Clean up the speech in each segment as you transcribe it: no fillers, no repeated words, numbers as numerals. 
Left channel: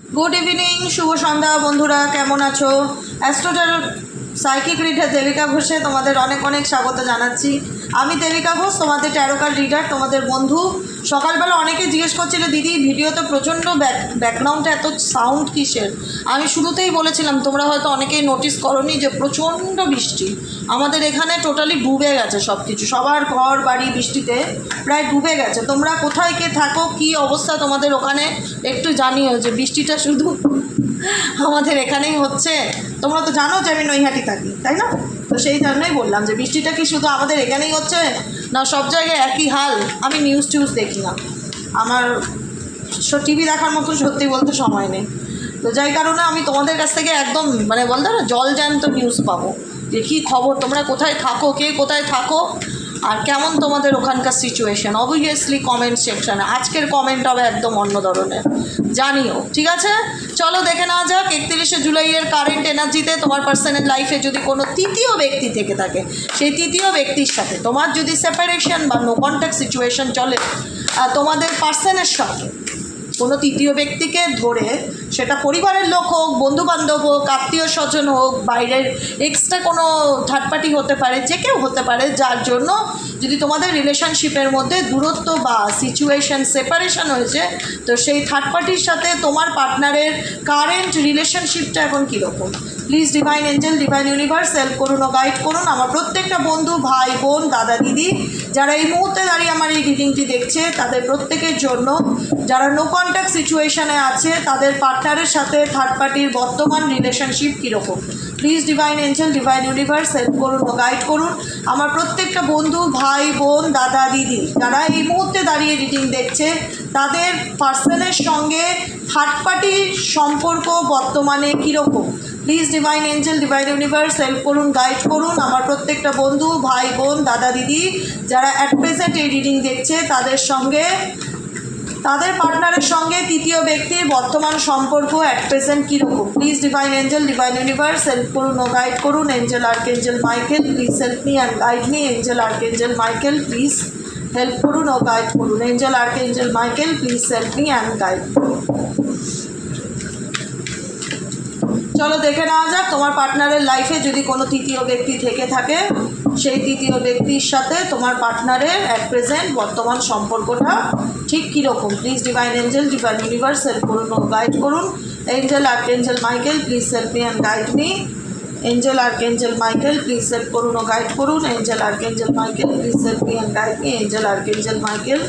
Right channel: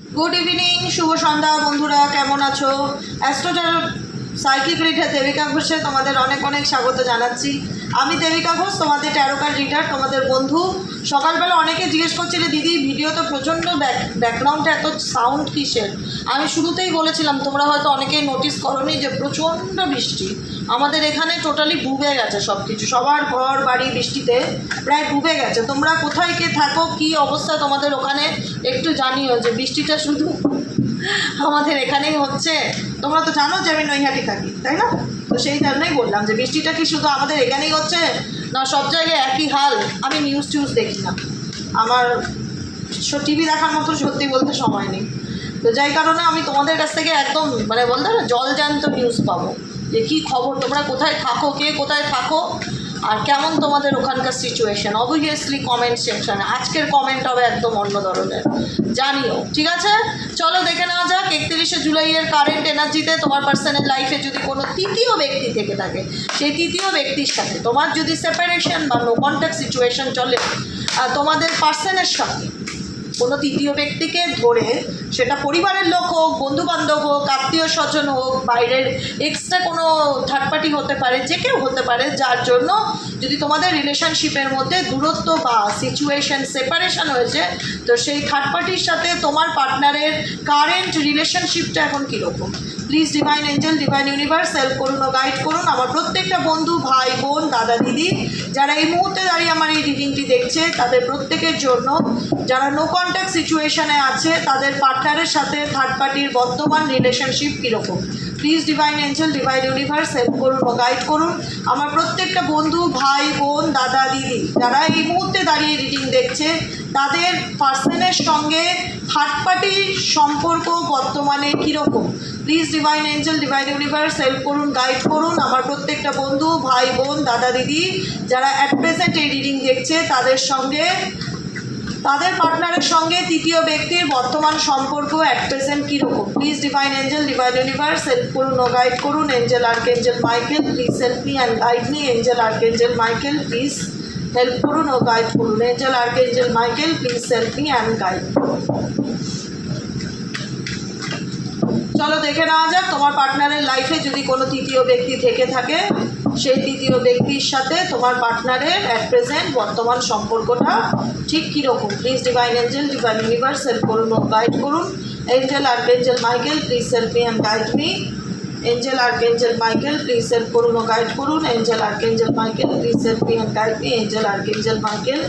Good evening, শুভ সন্ধ্যা বন্ধুরা, কেমন আছো? অ্যাস্ট্রোটার সাইকিক রিডার দেবিকা ঘোষে তোমাদের অনেক অনেক স্বাগত জানাচ্ছি। আমি দেবিকা ঘোষ, তোমাদের ট্যারোকার রিডার, তোমাদের বন্ধু। সকালবেলা অনেকে জিজ্ঞেস করছিলে, দিদি ভিডিওতে প্রচণ্ড ব্যাকগ্রাউন্ডে এত সাউন্ড কিসের? আমি শুরুতেই বলেছিলাম, তোমরা হয়তো অনেকেই নোটিস করোনি যে প্রচণ্ড বৃষ্টি আমাদের এখানে, টোটালি ডুবে গেছে সব কিছু, সবার ঘর বাড়ি বৃষ্টিতে প্রায় ডুবে গেছে। তোমরা কোথায় কে থাকো, কী অবস্থা তোমাদের ওখানে একটু জানিও, যে বৃষ্টিটা শুধু আমাদের এখানেই হচ্ছে। তোমরা তো জানো যে আমি নৈহাটি থাকি, তাই না? তো সেই জন্যই বললাম যে বৃষ্টিটা কি শুধু আমাদের এখানেই হচ্ছে, না সব জায়গায় একই হাল? আমি নিউজ টিউজ দেখি না, আমার টিভি দেখার মতো সত্যি বলতে সময় নেই। তো যাই কারণে আমি তোমাদের কাছ থেকে একদম বলতে না জল জ্যান্ত নিউজ পাবো, যে কী খবর, তোমরা কোথায় থাকো, কে কোথায় থাকো, আর কেমন তোমাদের ওখানকার সিচুয়েশান। অবভিয়াসলি কমেন্ট সেকশান, আজকের কমেন্ট হবে একদম অন্য ধরনের, জানিও, ঠিক আছে? চলো দেখে নেওয়া যাক 31শে জুলাইয়ের কারেন্ট এনার্জিতে তোমার পার্সোনাল লাইফে যদি কোনো তৃতীয় ব্যক্তি থেকে থাকে, সেই তৃতীয় ব্যক্তির সাথে তোমার যদি সেপারেশন বা নো কন্ট্যাক্ট সিচুয়েশান চলে, তোমাদের পার্সনের সাথে কোনো তৃতীয় ব্যক্তিকে ধরে, সেটা পরিবারের লোক হোক, বন্ধুবান্ধব হোক, আত্মীয় স্বজন হোক, বাইরের এক্সট্রা কোনো থার্ড পার্টি হতে পারে, যে কেউ হতে পারে, যার জন্য যদি তোমাদের রিলেশনশিপের মধ্যে দূরত্ব বা সিচুয়েশান সেপারেশন হয়েছে, তো সেই থার্ড পার্টির সাথে তোমার পার্টনারের কারেন্ট রিলেশনশিপটা এখন কীরকম। Please divine angel, divine universe help করুন ও গাইড করুন আমার প্রত্যেকটা বন্ধু, ভাই, বোন, দাদা, দিদি, যারা এই মুহূর্তে দাঁড়িয়ে আমার এই রিডিংটি দেখছে, তাদের প্রত্যেকের জন্য। যারা নো কন্ট্যাক্ট সিচুয়েশানে আছে, তাদের পার্টনারের সাথে থার্ড পার্টির বর্তমান রিলেশনশিপ কীরকম। Please divine angel, divine universe help করুন ও গাইড করুন আমার প্রত্যেকটা বন্ধু, ভাই, বোন, দাদা, দিদি, যারা এই মুহূর্তে দাঁড়িয়ে রিডিং দেখছে, তাদের পার্সনের সঙ্গে থার্ড পার্টির সম্পর্ক বর্তমানে কীরকম। Please divine angel, divine universe help করুন, গাইড করুন আমার প্রত্যেকটা বন্ধু, ভাই, বোন, দাদা, দিদি, যারা অ্যাট প্রেজেন্ট এই রিডিং দেখছে, তাদের সঙ্গে, তাদের পার্টনারের সঙ্গে তৃতীয় ব্যক্তির বর্তমান সম্পর্ক অ্যাট প্রেজেন্ট কীরকম। Please divine angel, divine universe help করুন ও গাইড করুন। Angel archangel Michael, please help me and guide me. Angel archangel Michael, please help করুন ও গাইড করুন। Angel archangel Michael, please help me and guide. চলো দেখে নেওয়া যাক তোমার পার্টনারের লাইফে যদি কোনো তৃতীয় ব্যক্তি থেকে থাকে, সেই তৃতীয় ব্যক্তির সাথে তোমার পার্টনারের অ্যাট প্রেজেন্ট বর্তমান সম্পর্কটা ঠিক কীরকম। Please divine angel, divine universe help করুন ও গাইড করুন। Angel archangel Michael, please help me and guide me. Angel archangel Michael, please help করুন ও গাইড করুন। Angel archangel Michael, please help me and guide me. Angel archangel Michael,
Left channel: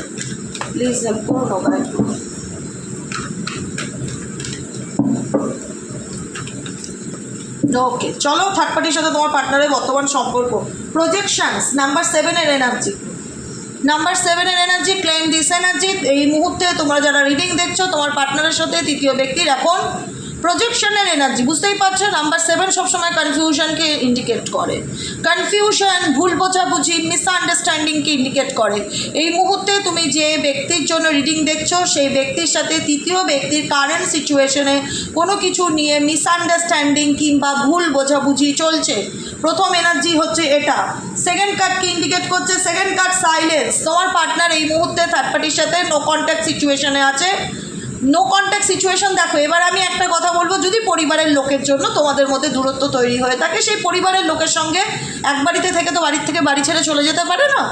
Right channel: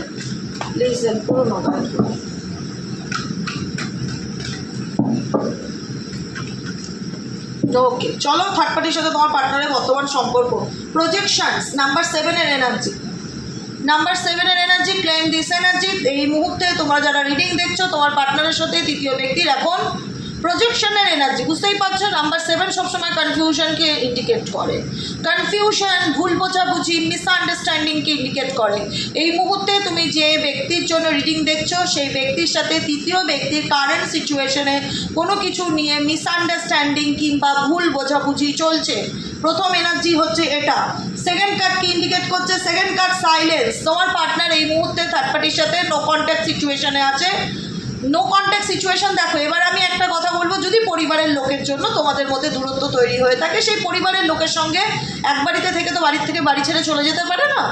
please help করুন ও guide করুন। ওকে, চলো third পার্টির সাথে তোমার পার্টনারের বর্তমান সম্পর্ক। প্রজেকশনস নাম্বার 7-এর এনার্জি, নাম্বার 7-এর এনার্জি, ক্লেম দিস এনার্জি। এই মুহূর্তে তোমরা যারা রিডিং দেখছো, তোমার পার্টনারের সাথে তৃতীয় ব্যক্তির এখন প্রজেকশনের এনার্জি। বুঝতেই পারছো, নাম্বার 7 সবসময় কনফিউশনকে ইন্ডিকেট করে, কনফিউশন, ভুল বোঝাবুঝি, মিসআন্ডারস্ট্যান্ডিংকে ইন্ডিকেট করে। এই মুহূর্তে তুমি যে ব্যক্তির জন্য রিডিং দেখছো, সেই ব্যক্তির সাথে তৃতীয় ব্যক্তির কারেন্ট সিচুয়েশনে কোনো কিছু নিয়ে মিসআন্ডারস্ট্যান্ডিং কিংবা ভুল বোঝাবুঝি চলছে। প্রথম এনার্জি হচ্ছে এটা। সেকেন্ড কার্ড কি ইন্ডিকেট করছে? Second card silence. তোমার পার্টনার এই মুহূর্তে থার্ড পার্টির সাথে নো কন্ট্যাক্ট সিচুয়েশনে আছে। নো কন্ট্যাক্ট সিচুয়েশন, দেখো এবার আমি একটা কথা বলবো, যদি পরিবারের লোকের জন্য তোমাদের মধ্যে দূরত্ব তৈরি হয়ে থাকে, সেই পরিবারের লোকের সঙ্গে এক বাড়িতে থেকে তো বাড়ির থেকে বাড়ি ছেড়ে চলে যেতে পারে না,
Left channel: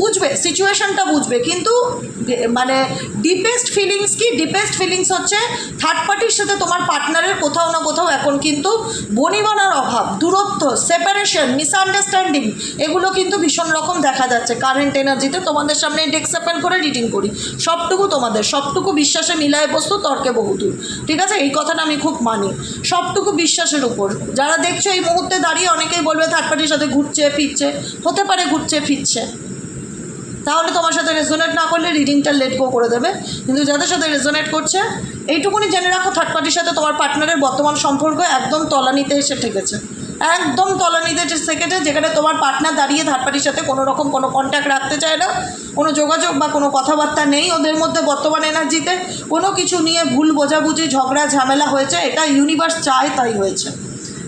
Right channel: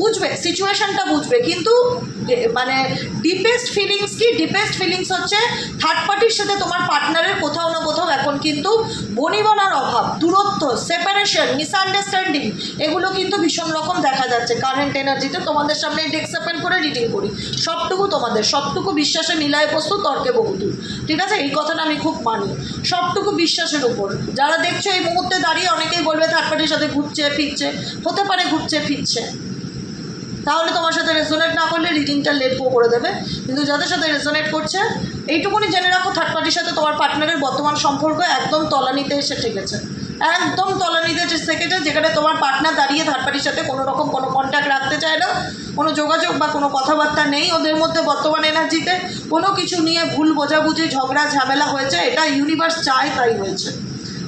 বুঝবে সিচুয়েশনটা, বুঝবে। কিন্তু ডিপেস্ট ফিলিংস কি? ডিপেস্ট ফিলিংস হচ্ছে থার্ড পার্টির সাথে তোমার পার্টনারের কোথাও না কোথাও এখন কিন্তু বনিবনার অভাব, দূরত্ব, সেপারেশন, মিসআন্ডারস্ট্যান্ডিং, এগুলো কিন্তু ভীষণ রকম দেখা যাচ্ছে কারেন্ট এনার্জিতে। তোমাদের সামনে ডেস্ক ওপেন করে রিডিং করি, সবটুকু তোমাদের, সবটুকু বিশ্বাসে মিলায় বস্তু, তর্কে বহুদূর, ঠিক আছে? এই কথাটা আমি খুব মানি, সবটুকু বিশ্বাসের উপর। যারা দেখছো এই মুহূর্তে দাঁড়িয়ে, অনেকেই বলবে থার্ড পার্টির সাথে ঘুরছে ফিরছে, হতে পারে ঘুরছে ফিরছে, তাহলে তোমার সাথে রেজোনেট না করলে রিডিংটা লেট গো করে দেবে। কিন্তু যাদের সাথে রেজোনেট করছে, এইটুকুনি জেনে রাখো, থার্ড পার্টির সাথে তোমার পার্টনারের বর্তমান সম্পর্ক একদম তলানিতে এসে ঠেকেছে, একদম তলানিতে থেকেছে, যেখানে তোমার পার্টনার দাঁড়িয়ে থার্ড পার্টির সাথে কোনো রকম কোনো কন্ট্যাক্ট রাখতে চায় না, কোনো যোগাযোগ বা কোনো কথাবার্তা নেই ওদের মধ্যে। বর্তমান এনার্জিতে কোনো কিছু নিয়ে ভুল বোঝাবুঝি, ঝগড়া ঝামেলা হয়েছে, এটা ইউনিভার্স চায় তাই হয়েছে,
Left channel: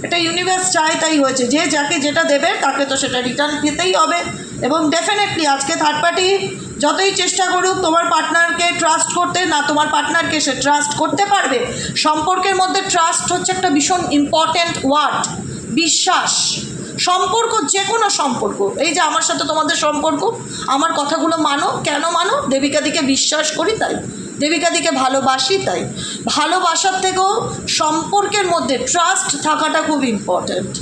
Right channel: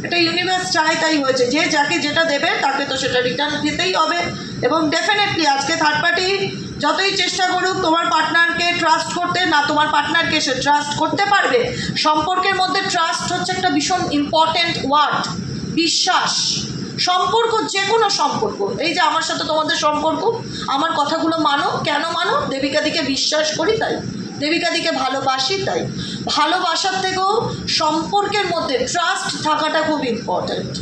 এটা ইউনিভার্স চায় তাই হয়েছে। যে যাকে যেটা দেবে তাকে তো সেটা রিটার্ন পেতেই হবে। এবং ডেফিনেটলি আজকে থার্ড পার্টি যতই চেষ্টা করুক তোমার পার্টনারকে পার্টনারকে ট্রাস্ট করতে, না তোমার পার্টনারকে সে ট্রাস্ট করতে পারবে। সম্পর্কের মধ্যে ট্রাস্ট হচ্ছে একটা ভীষণ ইম্পর্ট্যান্ট ওয়ার্ড। বিশ্বাস, সম্পর্ক, যে কোনো সম্পর্ক, এই যে আমার সাথে তোমাদের সম্পর্ক, আমার কথাগুলো মানো। কেন মানো? দেবিকাদিকে বিশ্বাস করি তাই, দেবিকাদিকে ভালোবাসি তাই। ভালোবাসার থেকেও সম্পর্কের মধ্যে ট্রাস্ট থাকাটা খুব ইম্পর্ট্যান্ট।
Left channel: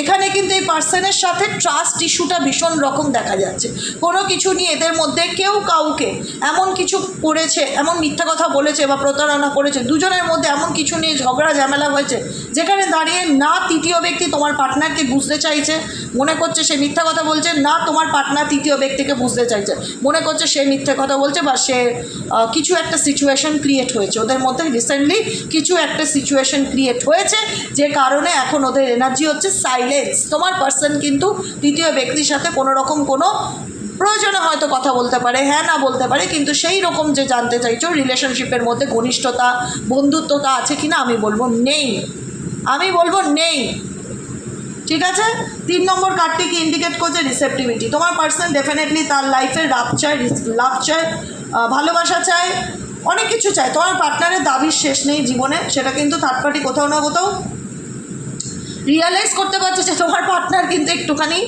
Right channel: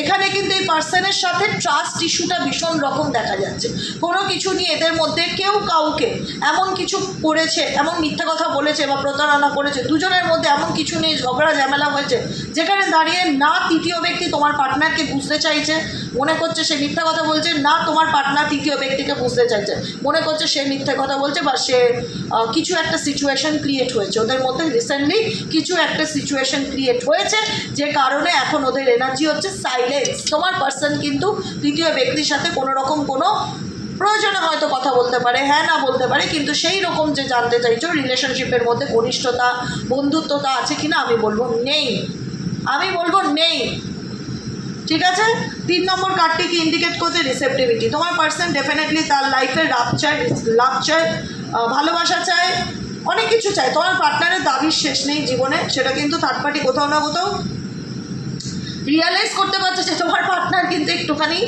এখানে কিন্তু এই পার্সনের সাথে ট্রাস্ট ইস্যুটা ভীষণ রকম দেখা যাচ্ছে। কোনো কিছু নিয়ে এদের মধ্যে কেউ কাউকে এমন কিছু করেছে, এমন মিথ্যা কথা বলেছে বা প্রতারণা করেছে, দুজনের মধ্যে এমন কিছু নিয়ে ঝগড়া ঝামেলা হয়েছে, যেখানে দাঁড়িয়ে না তৃতীয় ব্যক্তি তোমার পার্টনারকে বুঝতে চাইছে, মনে করছে সে মিথ্যা কথা বলছে, না তোমার পার্টনার তৃতীয় ব্যক্তিকে বুঝতে চাইছে, মনে করছে সে মিথ্যা কথা বলছে, বা সে কিছু একটা সিচুয়েশন ক্রিয়েট হয়েছে ওদের মধ্যে। রিসেন্টলি কিছু একটা সিচুয়েশন ক্রিয়েট হয়েছে, যে কারণে এখন ওদের এনার্জি হচ্ছে সাইলেন্স। তোমার পার্সন কিন্তু তৃতীয় ব্যক্তির সাথে কোনো রকম কোনো প্রয়োজনে হয়তো কথা বলতে পারে, হ্যাঁ না বলতে পারে, কিন্তু সেই রকম যে জানতে চাইছো রিলেশনশিপের মধ্যে ঘনিষ্ঠতা, বন্ধুত্বতা আছে কিনা, আমি বলবো নেই, আমি বলবো নেই। ঠিক আছে, 3 নম্বর কার্ডটি কি ইন্ডিকেট করছে? রিসেপটিভিটি। তোমার পার্সন ডেফিনেটলি তার লাইফের লাভ চায়, ভালোবাসা চায়, অনেক কিছু চায়। তোমার পার্টনারের দাবির শেষ নেই জীবনে, সেটা কিন্তু থার্ড পার্টি কোথাও না কোথাও রিয়ালাইজ করতে পারছে যে তোমার পার্টনার কিন্তু একটুখানি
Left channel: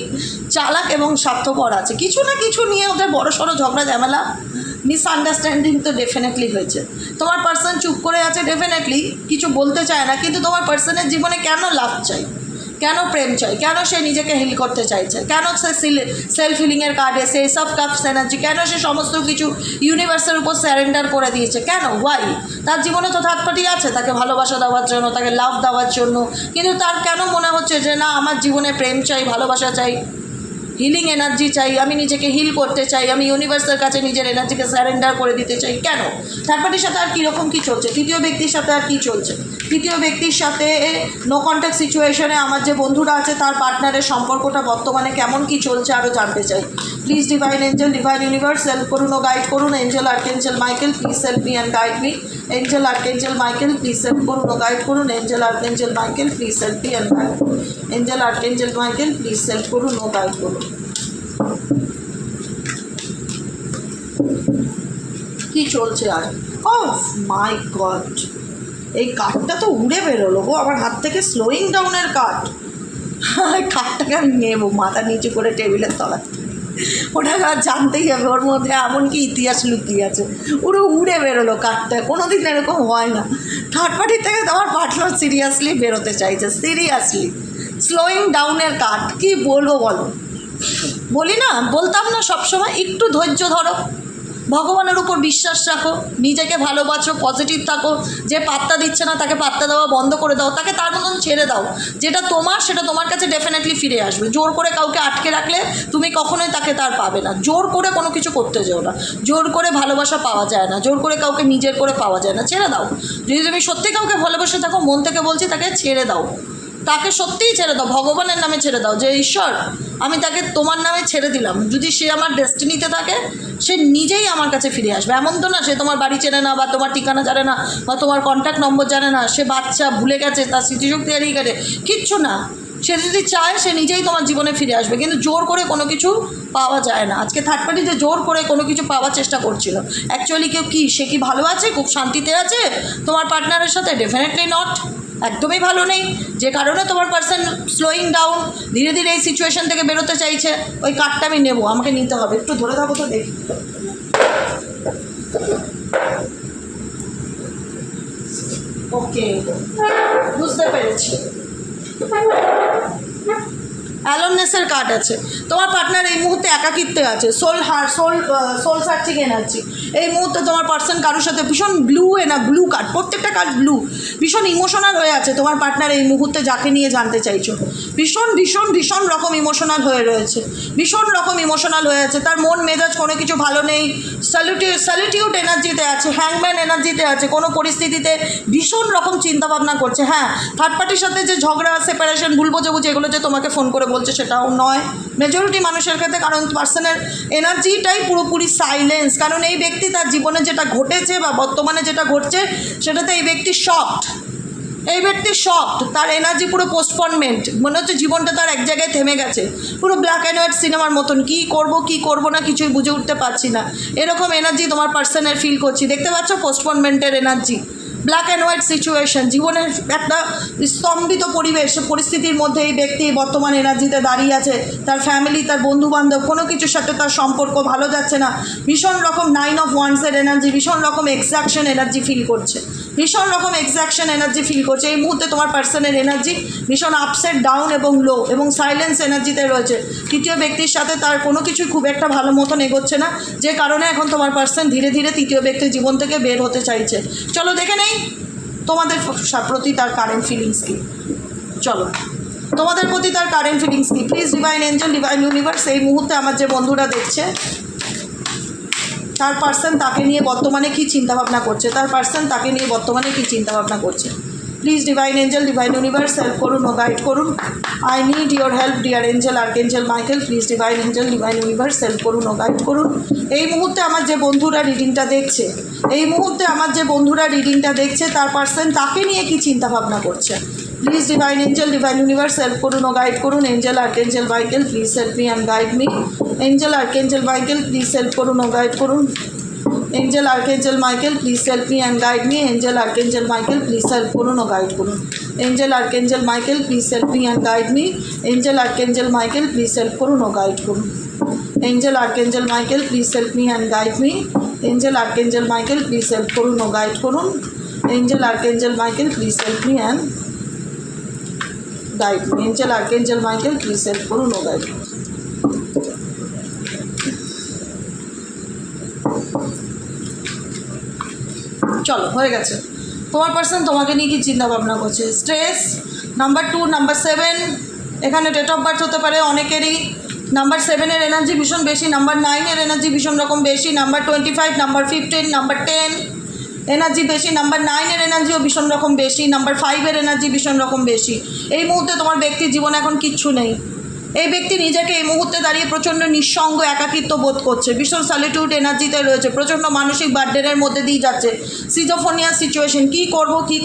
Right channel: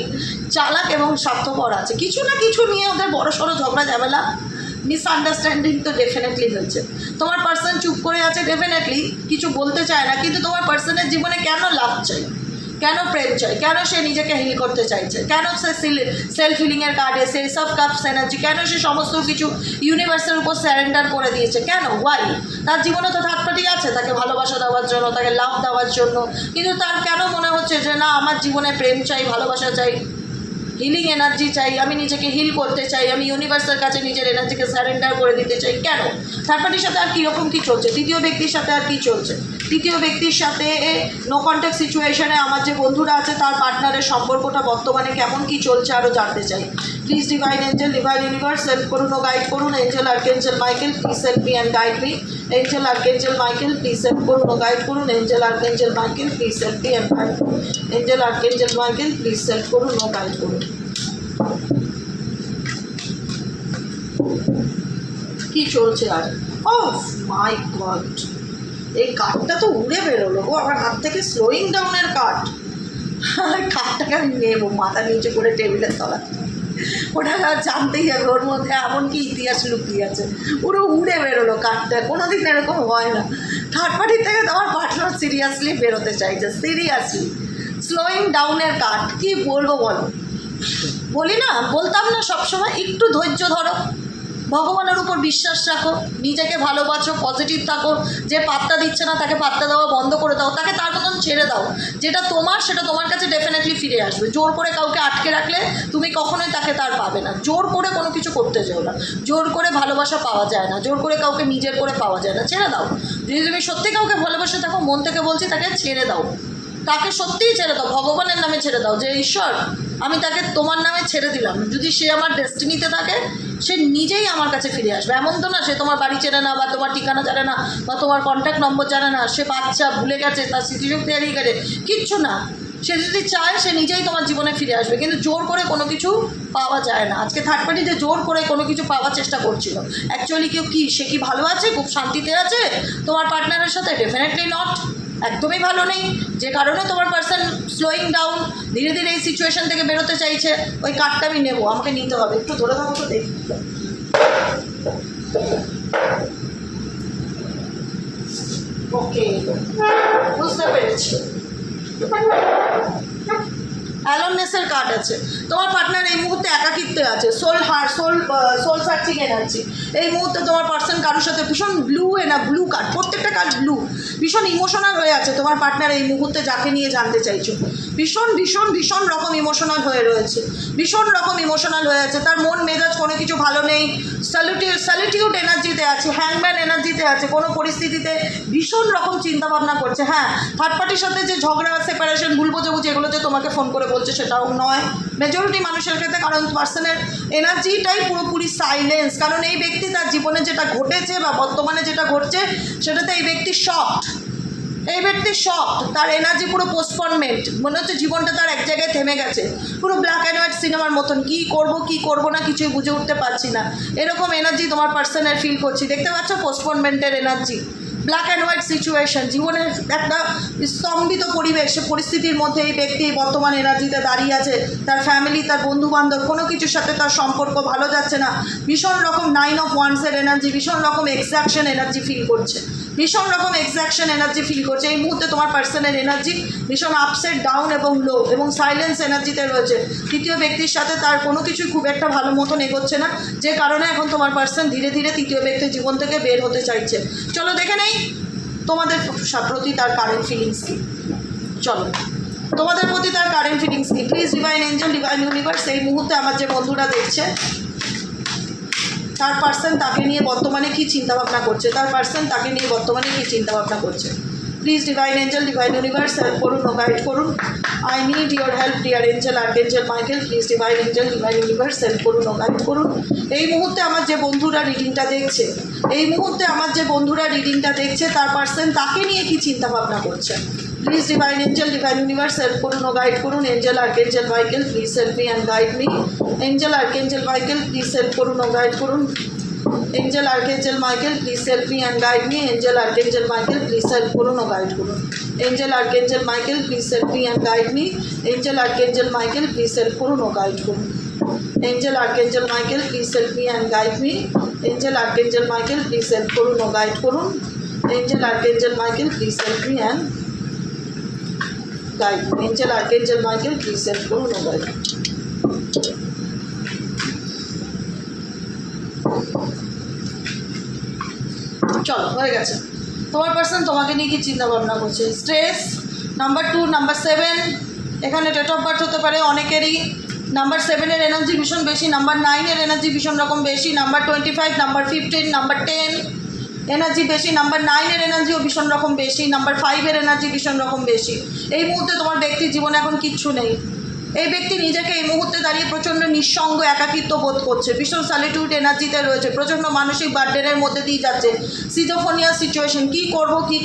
চালাক এবং স্বার্থপর আছে। কিছু না কিছু নিয়ে ওদের বড় সড়ো ঝগড়া ঝামেলা, মিসআন্ডারস্ট্যান্ডিং তো ডেফিনেটলি হয়েছে। তোমার পার্সন চুপ করে আছে, ডেফিনেটলি কিছু বলতে চায় না, কিন্তু তোমার পার্সনের জীবনে কেন লাভ চাই, কেন প্রেম চাই, কেন সে নিজেকে হিল করতে চাইছে, কেন সে সেলফ হিলিংয়ের কার্ড এসে এসব কাপস এনার্জি, কেন সে সমস্ত কিছু ইউনিভার্সের উপর স্যারেন্ডার করে দিয়েছে, কেন, ওয়াই? তার জীবনে তো থার্ড পার্টি আছে তাকে ভালোবাসা দেওয়ার জন্য, তাকে লাভ দেওয়ার জন্য, কিন্তু তার কেন মনে হচ্ছে যে না, আমার জীবনে প্রেম চাই, ভালোবাসা চাই, হিলিং এনার্জি চাই, আমি নিজেকে হিল করতে চাই, আমি ইউনিভার্সের কাছে নিজের এনার্জিকে স্যারেন্ডার করে দিতে চাই। কেন? থার্ড পার্টির সাথে আর কীরকম কী চলছে, তৃতীয় ব্যক্তির সাথে আর কী চলছে? তৃতীয় ব্যক্তির সাথে নো কন্ট্যাক্ট সিচুয়েশনে আমার যে বন্ধুরা আছে তার পার্টনারের সম্পর্কটা বর্তমানে কেমন কী চলছে আরও জানতে চাই। Please divine angel, divine universe help করুন ও গাইড করুন। Angel archangel Michael please help me and guide me. Angel archangel Michael please help করুন ও গাইড করুন। Angel archangel Michael please help me and guide করুন। Angel archangel Michael please help করুন ও guide করুন। কি চলছে আর? ও মাই গড, এই কার্ডটা তো উড়ে বেরোলো গো আমার হাত থেকে, স্লোয়িং ডাউনের কার্ড। কার্ডটাকে আমি নেবো, মাথা নিচে করে টেবিলের তলায়, ওটা জানতেই হবে ওর মধ্যে এমন কি ইতিহাস লুকিয়ে আছে। পুরো উড়ে বেরোলো কার্ডটা, কোনো দিন এরকম হয় না। থার্ড পার্টির থেকে তোমার পার্টনার সিরিয়াসলি বেরোতে চাইছে, সিরিয়াসলি। স্লোয়িং ডাউনের কার্ড, কি বলবো বলো? বলি না, বলতাম না সবসময়, একটু ধৈর্য ধরো, ভগবানের উপর বিশ্বাস রাখো, নিজেকে ভালোবাসো, পজিটিভ থাকো। যে পাত্তা দিচ্ছে না তাকে পাত্তা দেওয়া বন্ধ করে দাও, তাকে তার মতন ছেড়ে দাও। যেটা তোমার সেটা তোমার কাছে ডেফিনেটলি ফিরে আসবে। জোর করে কাউকে আটকে রাখলে তুমি কখনোই তাকে তার পাবে না। জোর করে কোনো কিছু করতে যেও না, জোর করে ভালোবাসা পাওয়া যায় না, জোর করে কাউকে নিজের করে পাওয়া যায় না। ছেড়ে দাও, যদি তুমি সত্যি কাউকে ভালোবাসে থাকো, মন থেকে বলছি তাকে ছেড়ে দাও, তাকে সত্যিই ছেড়ে দাও, ভগবানের নামে ছেড়ে দাও, যে ঈশ্বর আমি তাকে তোমার নামে ছেড়ে দিলাম। যদি সে আমার ডেস্টিনিতে থাকে সে নিজেই আমার কাছে ফিরে আসবে। এমন তো না সে তোমার বাড়ি চেনে না, বা তোমার ঠিকানা জানে না, বা তোমার কন্ট্যাক্ট নম্বর জানে না, সে বাচ্চা ভুলে গেছে, তার স্মৃতিশক্তি হারিয়ে গেছে, কিচ্ছু না। সে যদি চায় সে নিজেই তোমার জীবনে ফিরে আসবে, কিন্তু জোর করে কোনো কিছু পাওয়া যায় না। আজকে থার্ড পার্টি যে জোর করে কোনো কিছু পাওয়ার চেষ্টা করছিল, অ্যাকচুয়ালি কেউ কি সে কি ভালো আছে, খুব শান্তিতে আছে তোমার পার্টনারের সাথে? ডেফিনেটলি নট, একদমই ভালো নেই। যে কারণে তোমার পার্সন স্লোয়িং ডাউন, ধীরে ধীরে এই সিচুয়েশন থেকে বেরোতে চাইছে। ওই কার্ডটা আমি নেবো, আমাকে নিতে হবে, একটু ধরে থাকো তো দেখি। ওকে, বুঝতে পেরেছি। অ্যালোননেসের কার্ড আছে। তোমার পার্টনার এই মুহূর্তে একাকিত্বে আছে, সোল সার্চিং এনার্জি। এই মুহূর্তে তোমার পার্সন কারোর সাথে ভীষণ ব্লু কার্ড, প্রত্যেকটা কার্ড ব্লু, ভীষণ ইমোশনাল হয়ে আছে। তোমার পার্টনার এই মুহূর্তে যাকে নিয়ে জানতে চাইছো ভীষণ ভীষণ ভীষণ রকম ইমোশনাল হয়ে রয়েছে, ভীষণ রকম ইমোশনাল হয়ে আছে। তার মন মেজাজ কোনো কিছু ভালো নেই, সলিটিউড এনার্জিতে আছে, হ্যাংম্যান এনার্জিতে আছে। কোনো পরিস্থিতিতে ভীষণ রকম চিন্তাভাবনা করছে। হ্যাঁ, থার্ড পার্টির সাথে যে ঝগড়া, সেপারেশন, ভুল বোঝাবুঝি, এগুলো যে তোমাকে ফোন করে বলছে সেটাও নয় মেজরিটি মানুষের ক্ষেত্রে, কারণ পার্সনের এনার্জিটাই পুরোপুরি সাইলেন্স। কারণ এই ব্যক্তি তার জীবনে যেটা ঘটেছে বা বর্তমানে যেটা ঘটছে সেটাতে এই ব্যক্তি শকড, এই ব্যক্তি শকড, তার এনার্জি পুরো পোস্টপনমেন্ট, মনে হচ্ছে জীবনটা তার এক জায়গায় থেমে গেছে, পুরো ব্ল্যাক অ্যান্ড হোয়াইট সিনেমার মতন, কী করবো না কিছুই বুঝে উঠতে পারছি না, এরকম এনার্জি তোমার পার্সনের ফিল করছি। দেখতে পাচ্ছ পোস্টপনমেন্টের energy, black and white situation, জীবনের একটা স্তম্ভিত পরিস্থিতির মধ্যে এই ব্যক্তি বর্তমান এনার্জিতে দাঁড়িয়ে আছে। তার ফ্যামিলি, তার বন্ধুবান্ধব, কোনো কিছুর সাথে তার সম্পর্ক ভালো যাচ্ছে না, ভীষণ রকম 9 অফ ওয়ান্ডসের এনার্জি, ভীষণ রকম এক্সাকশন এনার্জি ফিল করছে, ভীষণ রকম এক্সাকশন এনার্জি ফিল করছে। এই মুহূর্তে তোমার পার্সনের এনার্জি ভীষণ আপসেট, ডাউন এবং লো এবং সাইলেন্স এনার্জিতে রয়েছে। তৃতীয় ব্যক্তির সাথে তার কোনো কিছু খুব একটা ভালো মতন এগোচ্ছে না, যে কারণে এখন তোমার পার্সন ধীরে ধীরে তৃতীয় ব্যক্তির জীবন থেকে বের হতে চাইছে। চলো দেখে নেই তোমাদের প্রতি তার কারেন্ট ফিলিংস কী। চলো তোমাদের প্রতি তার কারেন্ট ফিলিংস কী। Please divine angel, divine universe, এই মুহূর্তে আমার যে বন্ধুরা দেখছে তার পার্সন তাকে নিয়ে বর্তমানে কী চিন্তাভাবনা করছে, তার পার্সন তাকে নিয়ে বর্তমানে কী চিন্তাভাবনা করছে। Please divine angel, divine universe, help করুন ও গাইড করুন। I need your help dear angel, archangel Michael. Please divine angel, divine universe, help করুন ও গাইড করুন। এই মুহূর্তে আমার যে বন্ধুরা রিডিংটা দেখছে, এই মুহূর্তে আমার যে বন্ধুরা রিডিংটা দেখছে তার পার্সন তাকে নিয়ে কী চিন্তাভাবনা করছে। Please divine angel, divine universe, help করুন ও গাইড করুন। Angel, archangel Michael, please help me and guide me. Angel, archangel Michael, please help করুন ও গাইড করুন। Angel, Archangel Michael, please help me and guide me. Angel, Archangel Michael, please help করুন ও guide করুন। Angel, Archangel Michael, please help me and guide me. Angel, Archangel Michael, please help করুন ও guide করুন। Angel, Archangel Michael, please help me and guide me. Angel, Archangel Michael, please help করুন ও guide করুন। Angel, Archangel Michael, please help me and guide me. Angel, Archangel Michael, please help করুন ও guide করুন। চলো হয়ে গেছে। তোমার পার্সন তোমাকে নিয়ে কি চিন্তা ভাবনা করছে। স্ট্রেস নাম্বার 2, নাম্বার 7, এখানে ডেট অফ বার্থ হতে পারে অনেকেরই। নাম্বার 7-এর এনার্জি ভীষণ বেশি, নাম্বার 9-এর এনার্জি ভীষণ রকম বেশি, নাম্বার 25, নাম্বার 15, নাম্বার 10 এনার্জি বেশি, নাম্বার 9-এর এনার্জিও ভীষণ রকম বেশি, নাম্বার 5-এর এনার্জি ভীষণ রকম বেশি। এই মুহূর্তে তোমার ব্যক্তির জীবনে এখন কিচ্ছু নেই। এই ব্যক্তি নিজেকে এই মুহূর্তে দাঁড়িয়ে প্রচণ্ড নিঃসঙ্গ, একাকিত্ব বোধ করছে, ভীষণ সলিটিউড এনার্জিতে রয়েছে, প্রচণ্ড মানসিক বার্ডেনের মধ্যে দিয়ে যাচ্ছে, সিজোফোনিয়া সিচুয়েশন, কী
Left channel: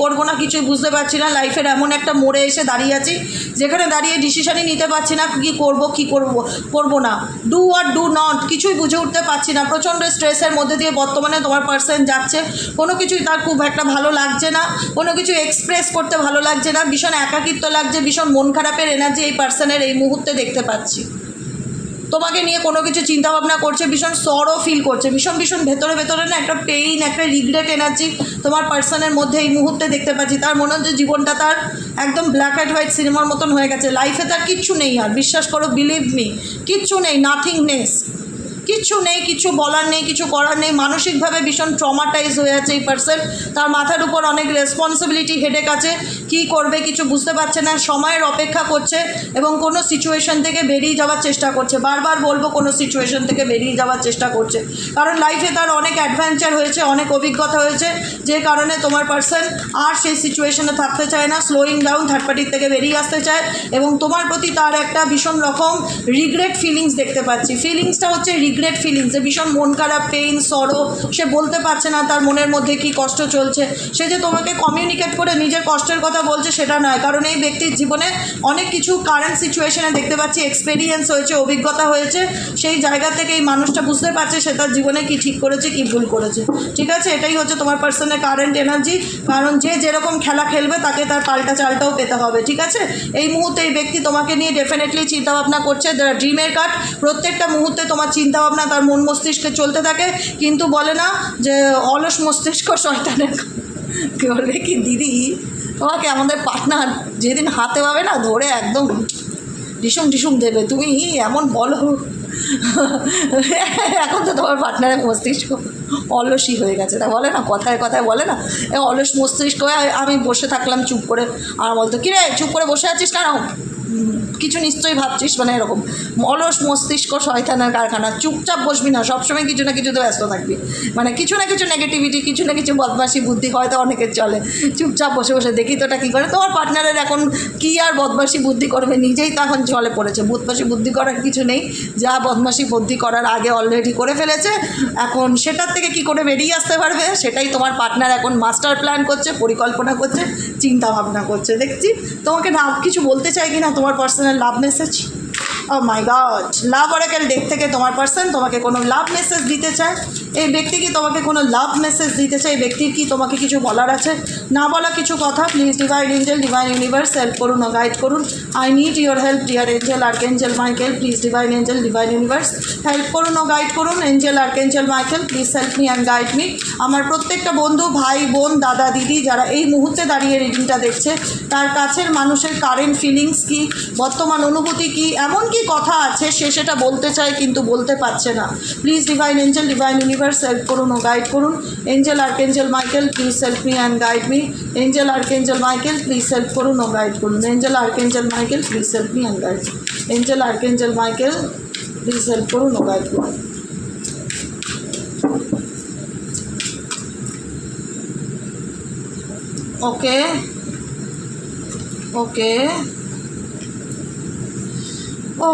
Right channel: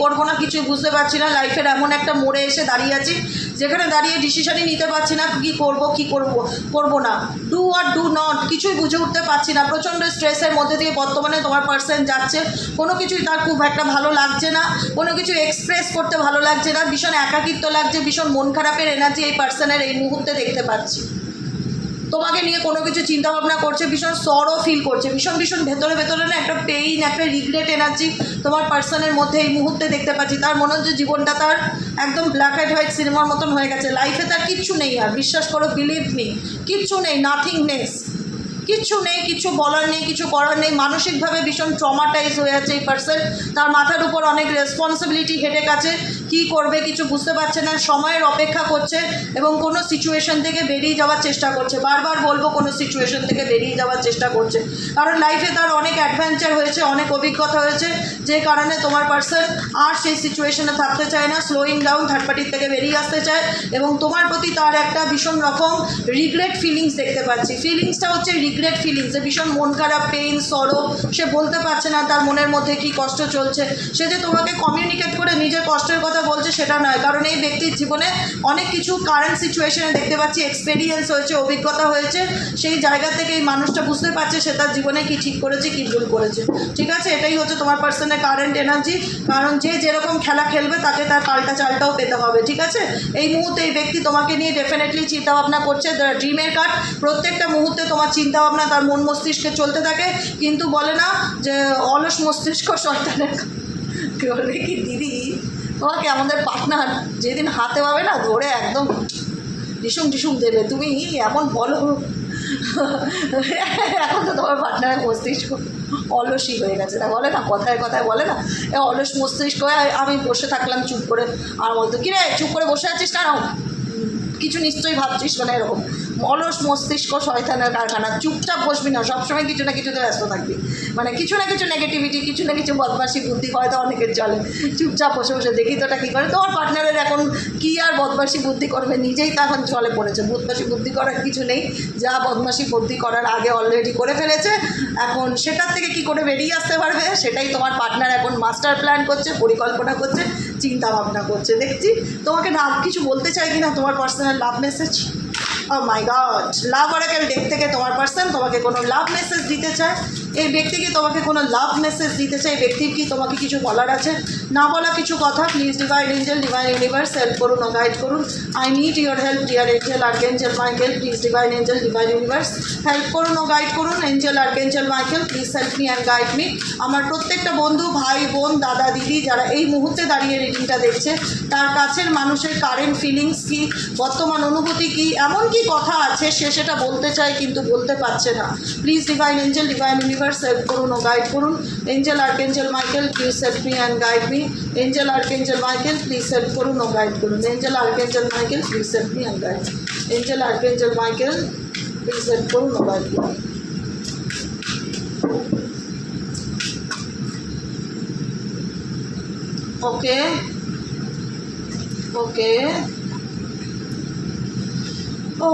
করবো না কিছুই বুঝতে পারছি না। লাইফের এমন একটা মোড়ে এসে দাঁড়িয়ে আছি যেখানে দাঁড়িয়ে ডিসিশনই নিতে পারছি না, কী করবো না, ডু আর ডু নট, কিছুই বুঝে উঠতে পারছি না। প্রচণ্ড স্ট্রেসের মধ্যে দিয়ে বর্তমানে তোমার পার্সন যাচ্ছে, কোনো কিছুই তার খুব একটা ভালো লাগছে না, কোনো কিছু এক্সপ্রেস করতে ভালো লাগছে না, ভীষণ একাকিত্ব লাগছে, ভীষণ মন খারাপের এনার্জি এই পার্সনের এই মুহূর্তে দেখতে পাচ্ছি। তোমাকে নিয়ে কোনো কিছু চিন্তাভাবনা করছে, ভীষণ সরো ফিল করছে, ভীষণ ভেতরে না একটা পেইন, একটা রিগ্রেট এনার্জি তোমার পার্সনের মধ্যে এই মুহূর্তে দেখতে পাচ্ছি। তার মনে হচ্ছে জীবনটা তার একদম ব্ল্যাক অ্যান্ড হোয়াইট সিনেমার মতন হয়ে গেছে, লাইফে তার কিচ্ছু নেই আর, বিশ্বাস করো, বিলিভ মি, কিচ্ছু নেই, নাথিংনেস, কিচ্ছু নেই, কিছু বলার নেই, কিছু করার নেই। মানসিকভাবে ভীষণ ট্রমাটাইজ হয়ে আছে এই পার্সন, তার মাথার উপর অনেক রেসপন্সিবিলিটি হেডেক আছে, কী করবে কিছু বুঝতে পারছে না, সময়ের অপেক্ষা করছে এবং কোনো সিচুয়েশন থেকে বেরিয়ে যাওয়ার চেষ্টা করছে। বারবার বলবো, কোনো সিচুয়েশন থেকে বেরিয়ে যাওয়ার চেষ্টা করছে, কারণ লাইফে তার অনেক অ্যাডভেঞ্চার হয়েছে, অনেক অভিজ্ঞতা হয়েছে, যে কারণে তোমার পার্সন আর সেই সিচুয়েশনে থাকতে চায় না, স্লোয়িং ডাউন, থার্ড পার্টির থেকে বেরিয়ে আসতে চায় এবং তোমার প্রতি তার একটা ভীষণ রকম রিগ্রেট ফিলিংস দেখতে পাচ্ছি। ফিলিংসটা হচ্ছে রিগ্রেট ফিলিংস, ভীষণ মন খারাপ, পেইন, সরো, সে বলতে পারছে না তার মনের মধ্যে কী কষ্ট চলছে। সে যে তোমাকে কমিউনিকেট করে নিজের কষ্টের কথা বলছে সেটা নয়, কারণ এই ব্যক্তির জীবনে অনেক কিছু কারেন্ট সিচুয়েশনে দেখতে পাচ্ছি এক্সপেরিয়েন্স হয়েছে, অভিজ্ঞতা হয়েছে, সেই জায়গা থেকে এই মানুষটা বুঝতে পারছে সে তার জীবনে কি ঠিক করেছে, কি ভুল করেছে। ঠিক আছে, এটাই হচ্ছে তোমার পার্সনের কারেন্ট এনার্জি, কারণ যে যেরকম খেলা খেলবে তাকে তার পাল্টা চালটাও পেতে হবে। ঠিক আছে, এই মুহূর্তে এই ব্যক্তি তোমাকে নিয়ে ডেফিনেটলি চিন্তাভাবনা করছে। ড্রিমের কার্ড, প্রত্যেকটা মুহূর্তে তোমার চিন্তাভাবনা তার মন মস্তিষ্কে চলতে থাকে, কিন্তু বলে না যে অলস মস্তিষ্ক শয়তানের, বলবে কি দিদি তোমাকে আমাদের পার্টনার যেদিন হাতে পাবে না ধরে একদম ডিসুম দেবে, তুমি এমন বলো। এখন তো তোমার পার্টনারের মস্তিষ্ক অলসই হয়ে গেছে, তা বলে না কথায় বলে না, অলস মস্তিষ্ক হয়ে আমি বসে থাকলাম চুপ করে, আর বলতো কিরে চুপ করে বসে আছিস কেন, কিছু নিশ্চয়ই ভাবছিস, মানে এরকম অলস মস্তিষ্ক শয়তানের কারখানা, চুপচাপ বসবি না, সবসময় কিছু না কিছুতে ব্যস্ত থাকবি, মানে কিছু না কিছু নেগেটিভিটি, কিছু না কিছু বদমাশি বুদ্ধি হয়তো অনেকের চলে, চুপচাপ বসে বসে দেখি তো ওটা কী করে। তোমার পার্টনারের এখন কী আর বদমাশি বুদ্ধি করবে, নিজেই তো এখন চলে পড়েছে, বদমাশি বুদ্ধি করার কিছু নেই, যা বদমাশি বুদ্ধি করার আগে অলরেডি করে ফেলেছে, এখন সেটার থেকে কি করে বেরিয়ে আসতে পারবে সেটাই তোমার পার্টনার এখন মাস্টার প্ল্যান করছে, পরিকল্পনা করছে, চিন্তা ভাবনা করছে। দেখছি তোমাকে না কিছু বলতে চাই কি না তোমার পার্সোনাল লাভ মেসেজ। ও মাই গড, লাভ অরাকেল ডেক থেকে তোমার পার্সন তোমাকে কোনো লাভ মেসেজ দিতে চায়, এই ব্যক্তি কি তোমাকে কোনো লাভ মেসেজ দিতে চায়, এই ব্যক্তির কি তোমাকে কিছু বলার আছে, না বলা কিছু কথা। Please divine angel, divine universe help করুন ও গাইড করুন। I need your help dear Angel archangel Michael, please divine angel, divine universe help করুন ও গাইড করুন। Angel archangel Michael please help me and guide me. আমার প্রত্যেকটা বন্ধু, ভাই, বোন, দাদা, দিদি যারা এই মুহূর্তে দাঁড়িয়ে রিডিংটা দেখছে, তার কাছের মানুষের কারেন্ট ফিলিংস কী, বর্তমান অনুভূতি কী, এমন কি কথা আছে সে সেটা বলতে চায় কিন্তু বলতে পারছে না। Please divine angel, divine universe help করুন ও গাইড করুন। Angel archangel Michael please help me and guide me. Angel archangel Michael please help করুন ও গাইড করুন। Angel archangel Michael please help me and guide. Angel archangel Michael please help করুন ও guide করুন। ওকে ওকে ও,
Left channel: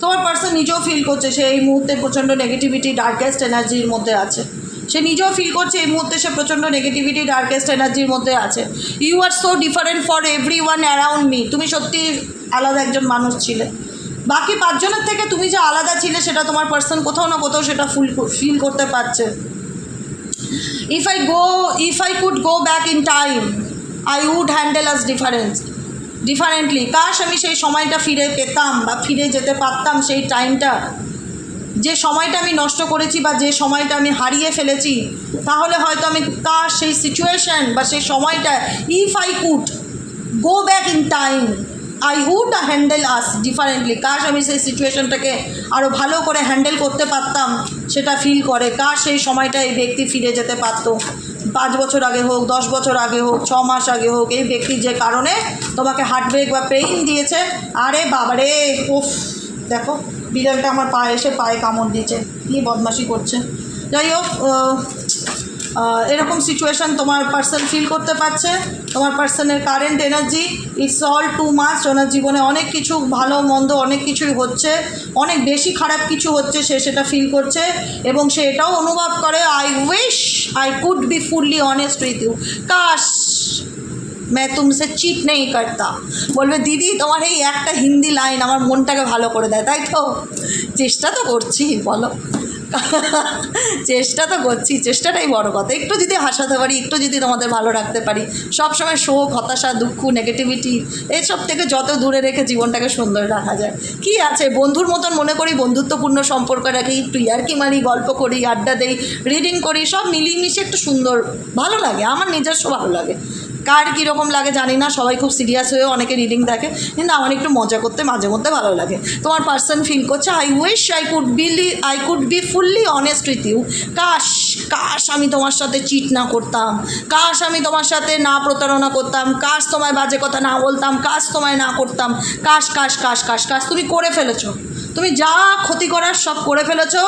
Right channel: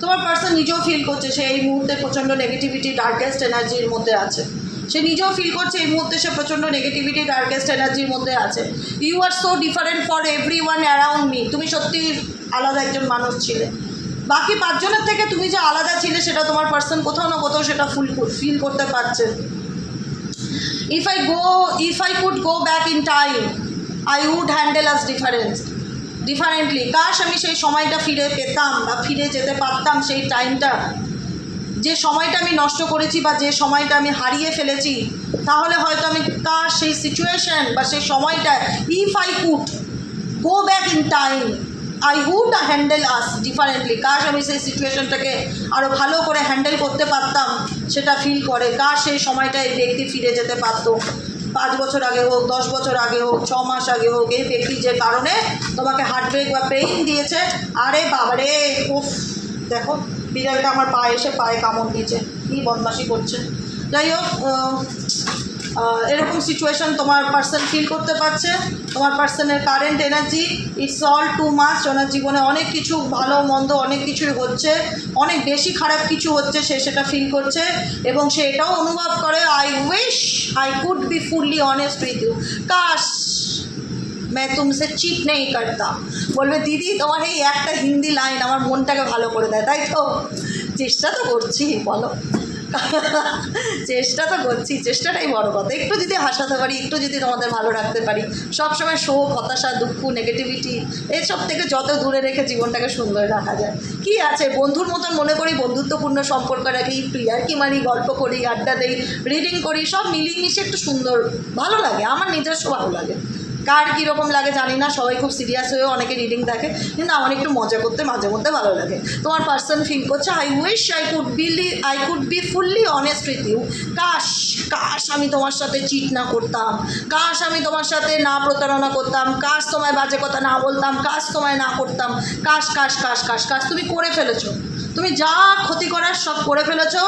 তোমার পার্সন নিজেও feel করছে সে এই মুহূর্তে প্রচণ্ড নেগেটিভিটি, ডার্কেস্ট এনার্জির মধ্যে আছে। সে নিজেও ফিল করছে এই মুহূর্তে সে প্রচণ্ড নেগেটিভিটি, ডার্কেস্ট এনার্জির মধ্যে আছে। You are so different for everyone around me. তুমি সত্যি আলাদা একজন মানুষ ছিলে, বাকি পাঁচজনের থেকে তুমি যে আলাদা ছিলে সেটা তোমার পার্সন কোথাও না কোথাও সেটা ফিল করতে পারছে। If I could go back in time, I would handle us differently. কাশ আমি সেই সময়টা ফিরে পেতাম বা ফিরে যেতে পারতাম, সেই টাইমটা, যে সময়টা আমি নষ্ট করেছি বা যে সময়টা আমি হারিয়ে ফেলেছি, তাহলে হয়তো আমি কাশ সেই সিচুয়েশন বা সেই সময়টা, if I could go back in time I would handle us differently. কাশ আমি সেই সিচুয়েশনটাকে আরও ভালো করে হ্যান্ডেল করতে পারতাম, সেটা ফিল করে। কাশ সেই সময়টা এই ব্যক্তি ফিরে যেতে পারতো, 5 বছর আগে হোক, 10 বছর আগে হোক, 6 মাস আগে হোক, এই ব্যক্তি যে কারণে তোমাকে হার্টব্রেক বা পেইন দিয়েছে। আরে বাবারে, উফ, দেখো বিড়ালটা আমার পায়ে এসে পায়ে কামড় দিয়েছে, কী বদমাশি করছে। যাই হোক, এরকম সিচুয়েশান তোমার পার্সন ফিল করতে পারছে। তোমার পার্সনের current energy it's all too much. ওনার জীবনে অনেক কিছু ভালো মন্দ অনেক কিছুই হচ্ছে, অনেক বেশি খারাপ কিছু হচ্ছে, সে সেটা ফিল করছে এবং সে এটাও অনুভব করে I wish I could be fully honest with you, काश मैं तुमसे চিট নেই করতা। বলবে দিদি তোমার এই একটা হিন্দি লাইন আমার মনটাকে ভালো করে দেয়, তাই তো? চেষ্টা তো করছি, বলো, চেষ্টা তো করছি, চেষ্টাটাই বড় কথা। একটু যদি হাসাতে পারি, একটু যদি তোমাদের ভালো রাখতে পারি, সবসময় শোক, হতাশা, দুঃখ, নেগেটিভিটি এসব থেকে যত দূরে রেখে জীবনটাকে সুন্দর রাখা যায়। কি আছে, বন্ধুর মতন মনে করি, বন্ধুত্বপূর্ণ সম্পর্ক রাখি, একটু ইয়ার্কি মারি, গল্প করি, আড্ডা দেই, রিডিং করি, সব মিলিয়ে মিশিয়ে একটু সুন্দর ভালো লাগে। আমার নিজস্ব ভালো লাগে, কার কীরকম লাগে জানি না, সবাই খুব সিরিয়াস হয়েও অনেকে রিডিং দেখে, কিন্তু আমার একটু মজা করতে মাঝে মধ্যে ভালো লাগে। তোমার পার্সন ফিল করছে I wish I could be fully honest with you. কাশ কাশ আমি তোমার সাথে চিট না করতাম, কাশ আমি তোমার সাথে না প্রতারণা করতাম, কাশ তোমায় বাজে কথা না বলতাম, কাশ তোমায় না করতাম, কাশ কাশ কাশ কাশ কাশ। তুমি করে ফেলেছো, তুমি যা ক্ষতি করার সব করে ফেলেছো।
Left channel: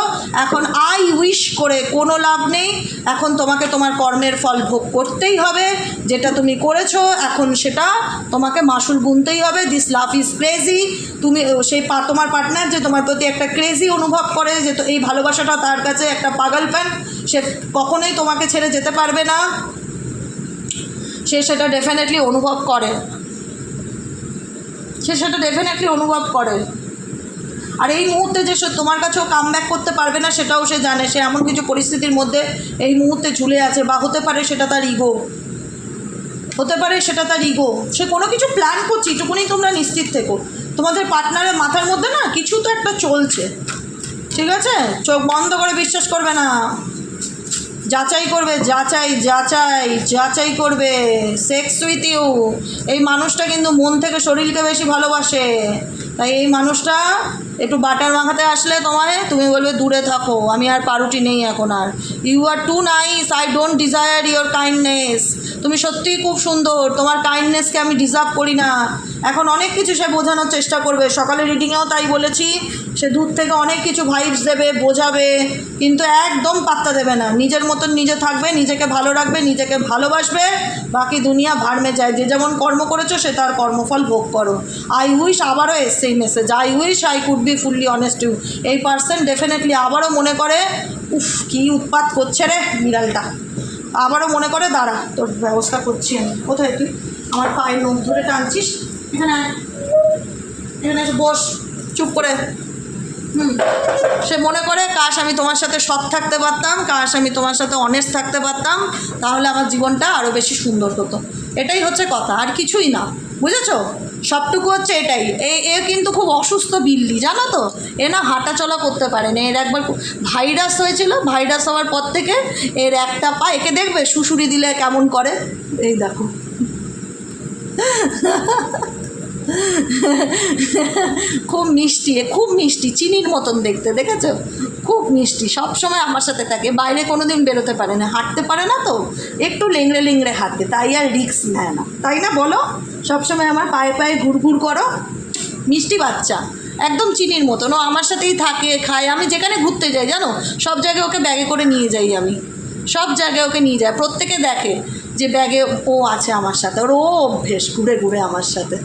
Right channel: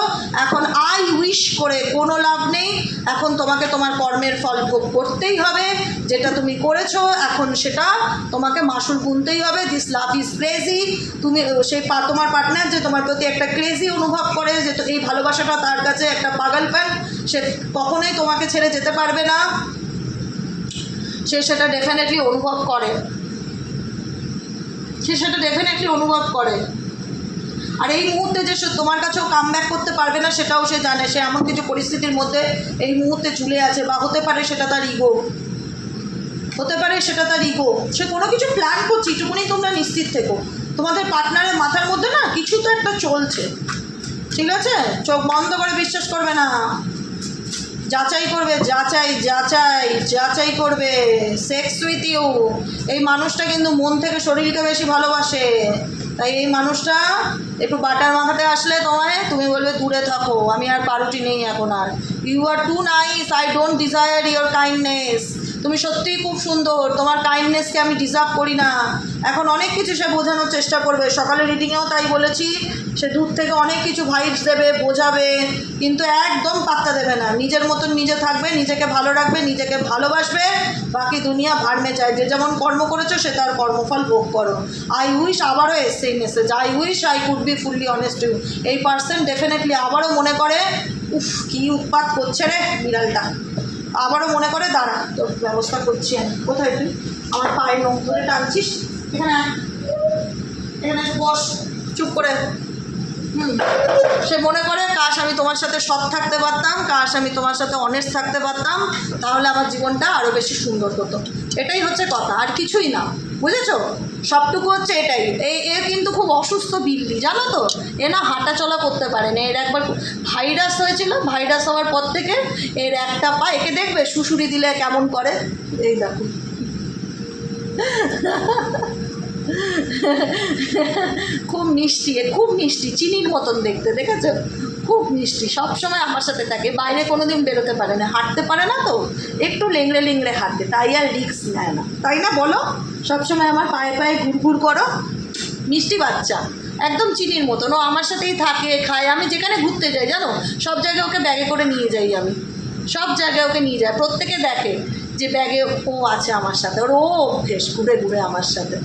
এখন আই উইশ করে কোনো লাভ নেই, এখন তোমাকে তোমার কর্মের ফল ভোগ করতেই হবে। যেটা তুমি করেছো এখন সেটা তোমাকে মাসুল গুনতেই হবে। This love is crazy. তুমি সেই তোমার পার্টনার যে তোমার প্রতি একটা ক্রেজি অনুভব করে, যে তো এই ভালোবাসাটা তার কাছে একটা পাগলপান, সে কখনোই তোমাকে ছেড়ে যেতে পারবে না, সে সেটা ডেফিনেটলি অনুভব করে, সে সেটা ডেফিনেটলি অনুভব করে। আর এই মুহূর্তে যে সে তোমার কাছেও কাম ব্যাক করতে পারবে না সেটাও সে জানে। সে এমন কিছু পরিস্থিতির মধ্যে এই মুহূর্তে ঝুলে আছে, বা হতে পারে সেটা তার ইগো, হতে পারে সেটা তার ইগো। সে কোনো কিছু প্ল্যান করছে, এইটুকুনি তোমরা নিশ্চিত থেকো। তোমাদের পার্টনারের মাথার মধ্যে না কিছু তো একটা চলছে, ঠিক আছে? চোখ বন্ধ করে বিশ্বাস করবে না, যাচাই করবে, যাচাই যাচাই যাচাই করবে। সেক্স উইথ ইউ, এই মানুষটা কিন্তু মন থেকে শরীরকে বেশি ভালোবাসে। তাই এই মানুষটা একটু বাটার মাখাতে আসলে তোমায়, তুমি বলবে দূরে থাকো, আমি আর পারুটি নেই এখন আর। You are too nice, I don't desire your kindness. তুমি সত্যিই খুব সুন্দর, তোমার কাইন্ডনেসকে আমি ডিজার্ভ করি না। এখন অনেক কিছু সে বোঝানোর চেষ্টা করবে, সকালে রিডিংয়েও তাই বলেছি, সে দূর থেকে অনেক কিছু ভাইবস দেবে, বোঝাবে, কিন্তু একদম পাত্তা দেবে না। নিজের মতন নিজে থাকবে, নিজেকে ভালো রাখবে, নিজেকে ভালোবাসবে, বাকি দুনিয়া ভাড়মে চায়। যে যেমন কর্ম করেছো সে তার কর্মফল ভোগ করো। আই উইশ, আবারও এসছে এই message, I wish I could be fully honest you. এই পার্সন ডেফিনেটলি আবারও মনে করে, উফ কী উৎপাত করছে রে বিড়ালটা, আবারও মনে করে দাঁড়া তোর ব্যবস্থা করছি আমি। কোথায় তুই আমার পায়ের লোম ধরে টানছিস? এখানে আয়, এখানে এসে বস চুপ করে। সে মনে করে কাশ আমি তোমার সাথে সৎ থাকতে পারতাম, কাশ আমি তোমার সাথে অনেস্ট থাকতে পারতাম, তাহলে আমার জীবনটা আরও বেশি সুন্দর হতো। এটাই হচ্ছে কথা, আর কিছুই না, বুঝেছো? সবটুকু হচ্ছে এটাই। এ কিন্তু খুব অসুস্থ বিল্লি, জানো তো? এ না হাঁটা চলা করতে পারে না। এর একবার ভাইরাস হয়েছিল, ভাইরাস হওয়ার পর থেকে এর একটা পা, একে দেখবে শুশুরি দিলে কেমন করে, এই দেখো। খুব মিষ্টি, এ খুব মিষ্টি, চিনির মতন দেখতে, দেখেছো? খুব মিষ্টি, সবসময় আমার সাথে থাকে, বাইরে কোনো দিন বেরোতে পারে না, হাঁটতে পারে না, তো একটু লেংড়ে লেংড়ে হাঁটে, তাই আর রিস্ক নেয় না, তাই না বলো? সবসময় আমার পায়ে পায়ে ঘুরঘুর করো, মিষ্টি বাচ্চা, একদম চিনির মতন। ও আমার সাথেই থাকে, খায়, আমি যেখানে ঘুরতে যাই জানো, সব জায়গায় ওকে ব্যাগে করে নিয়ে যাই, আমি সব জায়গায় ওকে নিয়ে যাই, প্রত্যেকে দেখে যে ব্যাগে ও আছে আমার সাথে, ওর ও অভ্যেস ঘুরে ঘুরে আমার সাথে,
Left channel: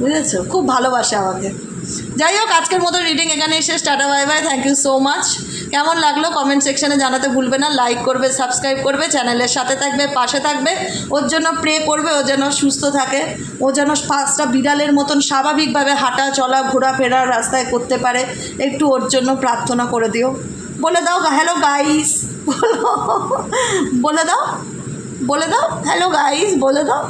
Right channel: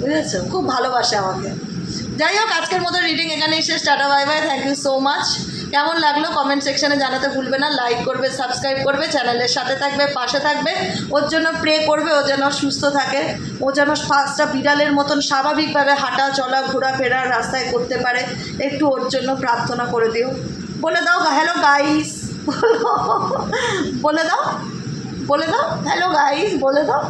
বুঝেছো? খুব ভালোবাসে আমাকে। যাই হোক, আজকের মতো রিডিং এখানেই শেষ। Tata bye bye, thank you so much. কেমন লাগলো কমেন্ট সেকশনে জানাতে ভুলবে না, লাইক করবে, সাবস্ক্রাইব করবে, চ্যানেলের সাথে থাকবে, পাশে থাকবে, ওর জন্য প্রে করবে, ও যেন সুস্থ থাকে, ও যেন পাঁচটা বিড়ালের মতন স্বাভাবিকভাবে হাঁটা চলা ঘোরাফেরার রাস্তায় করতে পারে, একটু ওর জন্য প্রার্থনা করে দিও। বলে দাও হ্যালো গাইস, বলে দাও, বলে দাও হ্যালো গাইস, বলে দাও।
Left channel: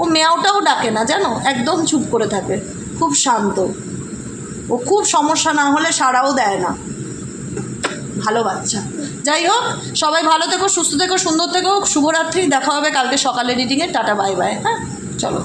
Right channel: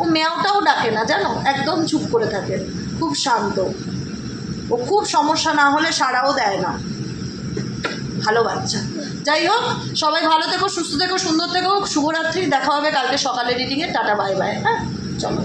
ও মেয়াওটাও ডাকে না জানো, একদম চুপ করে থাকে, খুব শান্ত, ও খুব সমস্যা না হলে সাড়াও দেয় না, ভালো বাচ্চা। যাই হোক, সবাই ভালো থেকো, সুস্থ থেকো, সুন্দর থেকো, শুভরাত্রি। দেখা হবে কালকে সকালে রিডিংয়ে। Tata bye by. হ্যাঁ চলো।